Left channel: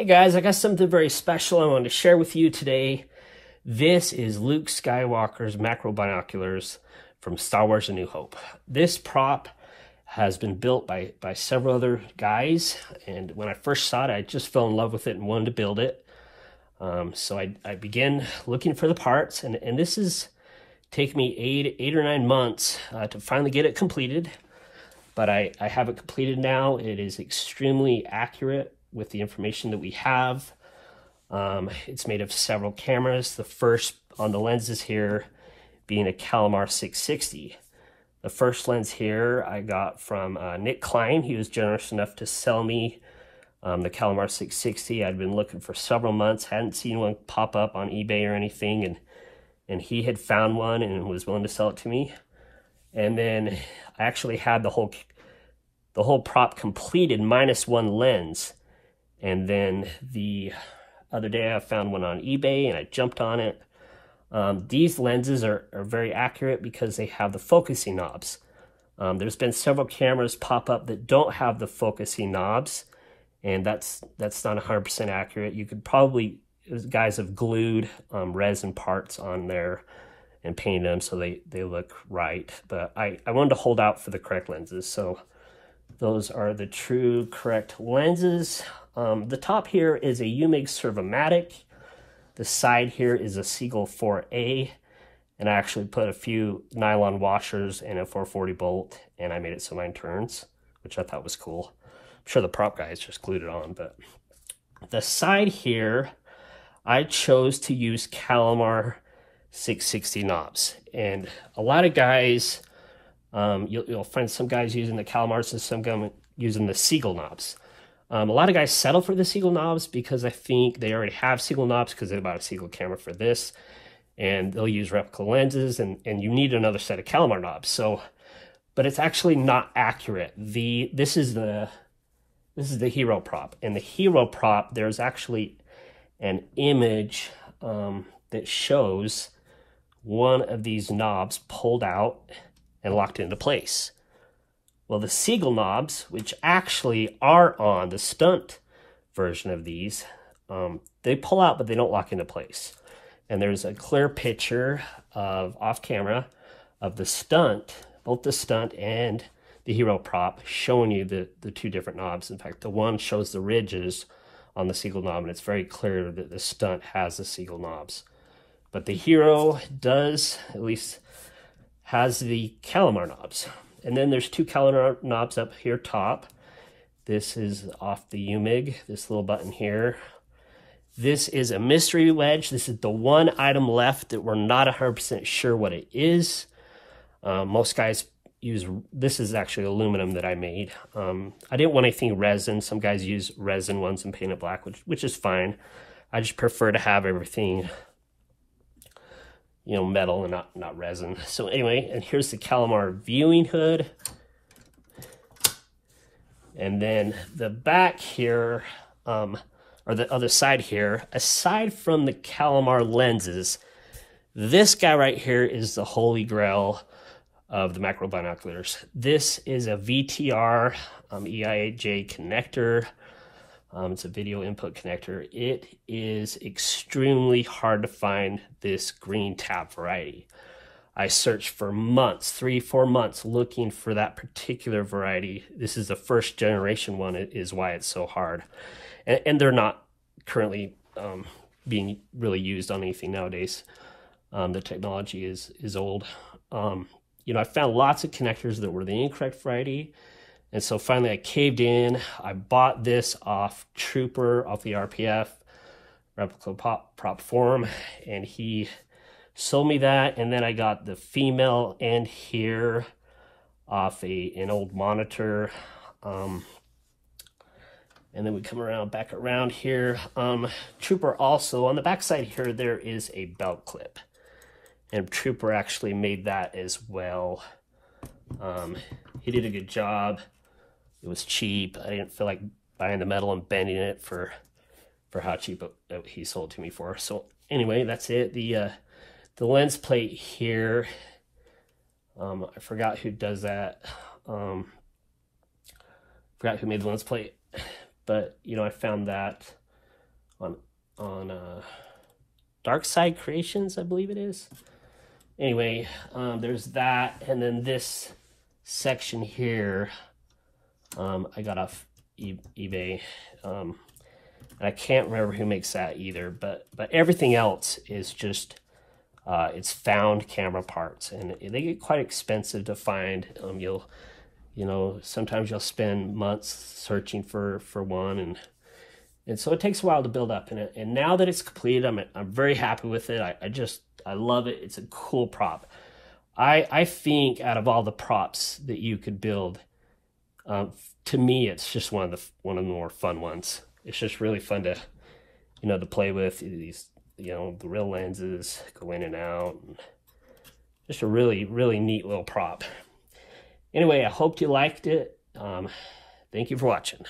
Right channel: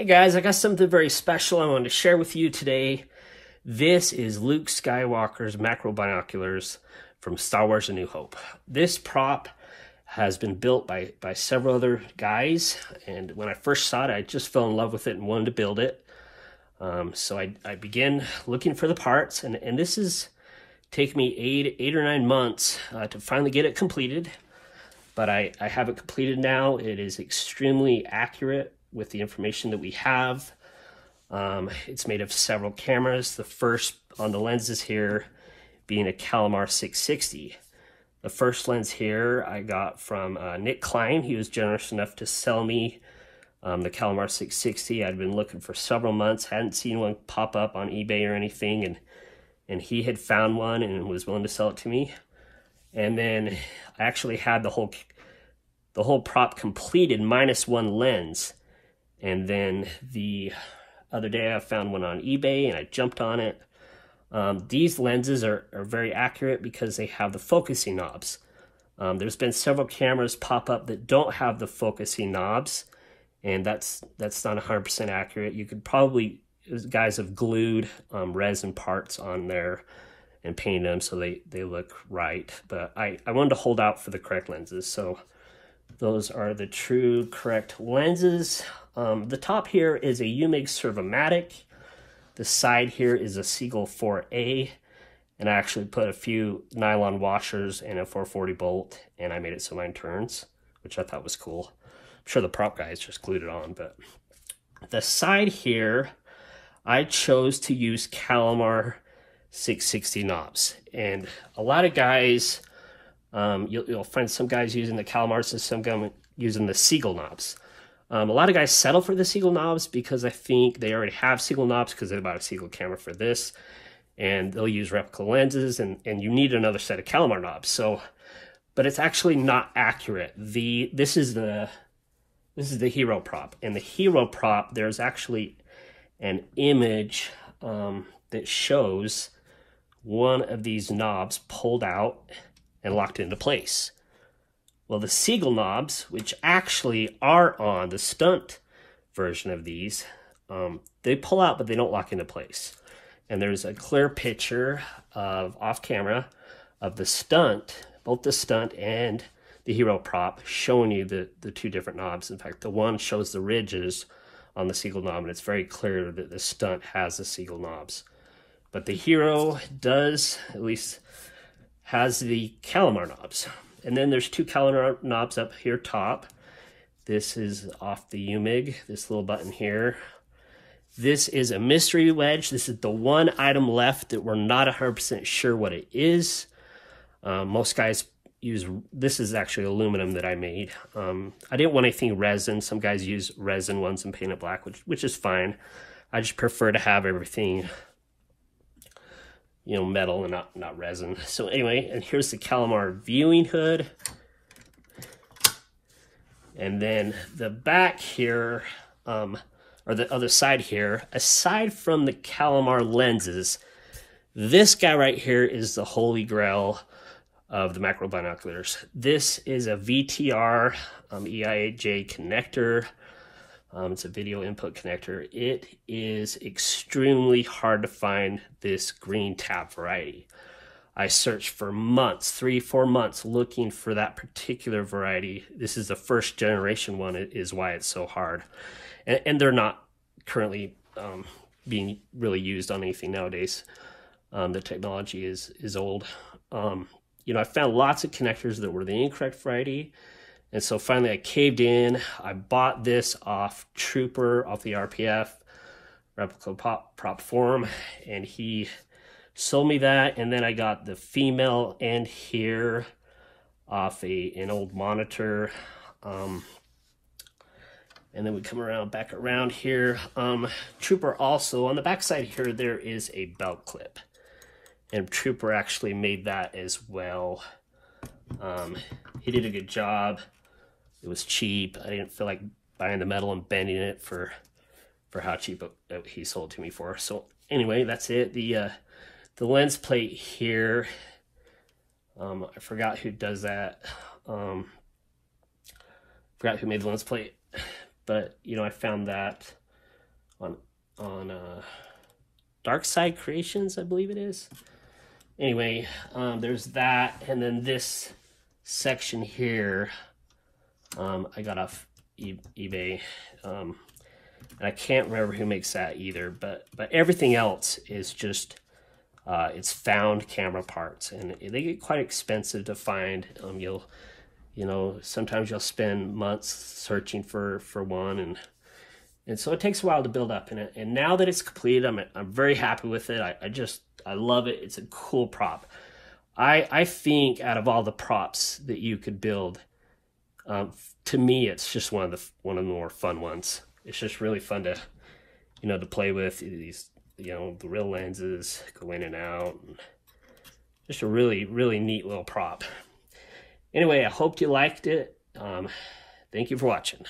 Hey guys, I got something very special I wanted to share with you today. This is Luke Skywalker's Macrobinoculars from Star Wars: A New Hope. This prop has been built by several other guys, and when I first saw it, I just fell in love with it and wanted to build it. So I began looking for the parts, and this is taken me eight or 9 months to finally get it completed. But I have it completed now. It is extremely accurate with the information that we have. It's made of several cameras. The first on the lenses here being a Kalmar 660. The first lens here I got from Nick Klein. He was generous enough to sell me the Kalmar 660. I'd been looking for several months, hadn't seen one pop up on eBay or anything, and he had found one and was willing to sell it to me. And then I actually had the whole prop completed minus one lens. And then the other day I found one on eBay and I jumped on it. These lenses are very accurate because they have the focusing knobs. There's been several cameras pop up that don't have the focusing knobs, and that's not 100% accurate. You could probably, guys have glued resin parts on there and painted them so they look right. But I wanted to hold out for the correct lenses. So those are the true correct lenses. The top here is a UMIG Servomatic. The side here is a Seagull 4A. And I actually put a few nylon washers and a 440 bolt, and I made it so mine turns, which I thought was cool. I'm sure the prop guys just glued it on, but the side here, I chose to use Kalmar 660 knobs. And a lot of guys, you'll find some guys using the Kalmars and some guys using the Seagull knobs. A lot of guys settle for the Seagull knobs because I think they already have Seagull knobs because they bought a Seagull camera for this, and they'll use replica lenses, and you need another set of Kalmar knobs. So, but it's actually not accurate. This is the Hero prop, and the Hero prop, there's actually an image that shows one of these knobs pulled out and locked into place. Well, the Seagull knobs, which actually are on the stunt version of these, they pull out, but they don't lock into place. And there's a clear picture of off camera of the stunt, both the stunt and the Hero prop, showing you the two different knobs. In fact, the one shows the ridges on the Seagull knob, and it's very clear that the stunt has the Seagull knobs. But the Hero does, at least, has the Kalmar knobs. And then there's two Kalmar knobs up here top. This is off the UMIG, this little button here. This is a mystery wedge. This is the one item left that we're not 100% sure what it is. Most guys use, this is actually aluminum that I made. I didn't want anything resin. Some guys use resin ones and paint it black, which is fine. I just prefer to have everything, you know, metal and not resin. So anyway, and here's the Kalmar viewing hood. And then the back here, or the other side here, aside from the Kalmar lenses, this guy right here is the holy grail of the Macrobinoculars. This is a VTR EIJ connector. It's a video input connector. It is extremely hard to find this green tab variety. I searched for months, 3-4 months, looking for that particular variety. This is the first generation one, is why it's so hard. And they're not currently being really used on anything nowadays. The technology is old. You know, I found lots of connectors that were the incorrect variety. And so finally I caved in. I bought this off Trooper, off the RPF, replica prop forum, and he sold me that. And then I got the female end here off an old monitor. And then we come around, back around here. Trooper also, on the back side here, there is a belt clip. And Trooper actually made that as well. He did a good job. It was cheap. I didn't feel like buying the metal and bending it for how cheap he sold to me for. So anyway, that's it. The lens plate here, I forgot who does that. Forgot who made the lens plate, but you know, I found that on Dark Side Creations, I believe it is. Anyway, there's that, and then this section here, I got off eBay. And I can't remember who makes that either, but everything else is just it's found camera parts, and they get quite expensive to find. You know, sometimes you'll spend months searching for one, and so it takes a while to build up in it. And now that it's complete, I'm very happy with it. I love it. It's a cool prop. I think out of all the props that you could build, to me, it's just one of the more fun ones. It's just really fun to, you know, to play with these, you know, the real lenses go in and out. And just a really, really neat little prop. Anyway, I hope you liked it. Thank you for watching.